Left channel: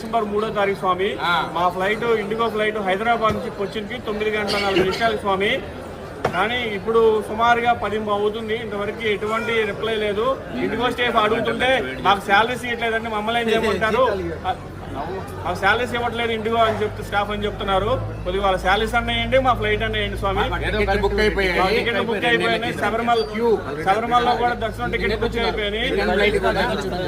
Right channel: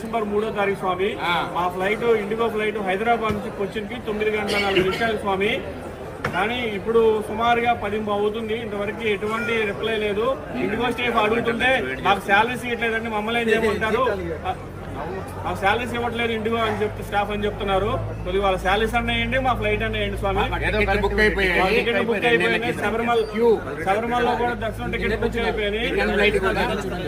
December 3వ తారీఖు స్వామి. మా ఫ్లైట్ ఇండిగో ఫ్లైట్ హైదరాబాద్ నుంచి కొచ్చిన్కి 9 గంటల 4 నిమిషాలు స్వామి. కానీ ఇప్పుడు సుమారుగా 10 అవుతుంది, ఇంతవరకు ఎటువంటి రిప్లై లేదు. ఇండిగో స్టాఫ్ అడుగుతుంటే మాకు శాలరీస్ ఇవ్వట్లేదండి, మమ్మల్ని ఏం చేయమంటారు, మాకు శాలరీస్ ఇవ్వట్లేదు ఇండిగో అని స్టాఫ్ అని చెప్తున్నారు. కొద్దిగా వాళ్ళ శాలరీస్ అన్నాయండి, మా ఫ్లైట్ అన్నాయండి స్వామి. టికెట్ బుక్ అయిపోయినాయి. శబరిమలలో కూడా దర్శనం టికెట్ బుక్ అయిపోయినాయి.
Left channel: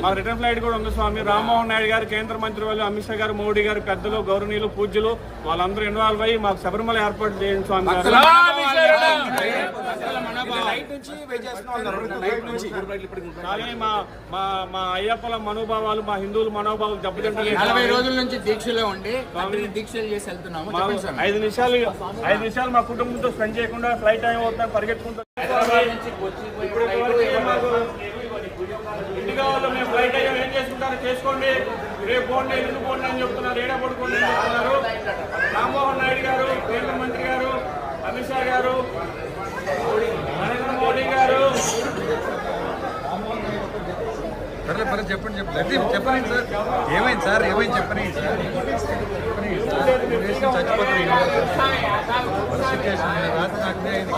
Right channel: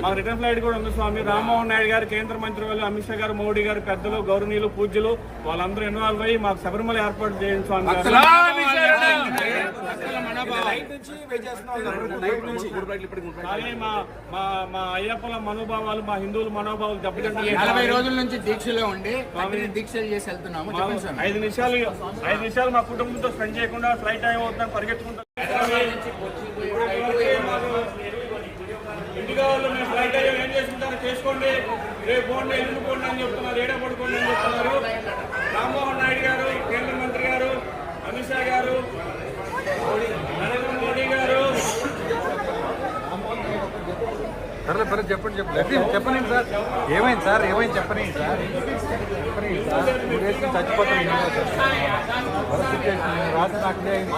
మాకు రిటర్న్ ఫ్లైట్ కూడా ఉంది స్వామి. రామ్మోహన్ నాయుడు గారు, కేంద్ర మంత్రి వాళ్ళు, అమిత్ షా గారు, మోడీ గారు, పెద్దలు, గౌరవనీయులు, పూజ్యులు వాళ్ళందరూ ఇన్వాల్వ్ అయ్యి మాకు శబరిమల ఏర్పాటు చేయండి స్వామి. కానీ మా అయ్యప్పల మనోభావాలు, మా హిందువుల మనోభావాలు దెబ్బతింటాయి. 40 రోజుల నుంచి దీక్షలో ఉండి దీక్షలు చేసి వెళ్తున్నాము. 5 నిమిషాలు మా కుటుంబంతో స్పెండ్ చేయకుండా ఫ్లైట్ టైం అవుతా పరిగెత్తుకుంటాం. ఇండిగా వాళ్ళు మేము ఫ్లైట్ అయ్యా ఏం చేసుకుంటారో చేసుకోండి, రేపు పోండి, ఎల్లుండి పోండి అని చెప్తున్నారు, ఏడా పడుకోండి అని చెప్తున్నారు. రామ్మోహన్ నాయుడు గారు, కేంద్ర మంత్రి గారు, అమిత్ షా గారు, నరేంద్ర మోడీ గారు చెప్పండి సార్, ఏమైంది సార్, ఏమైంది చెప్పండి సార్.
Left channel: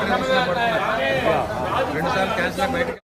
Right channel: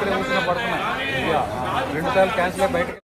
2 సార్లు క్యాన్సిల్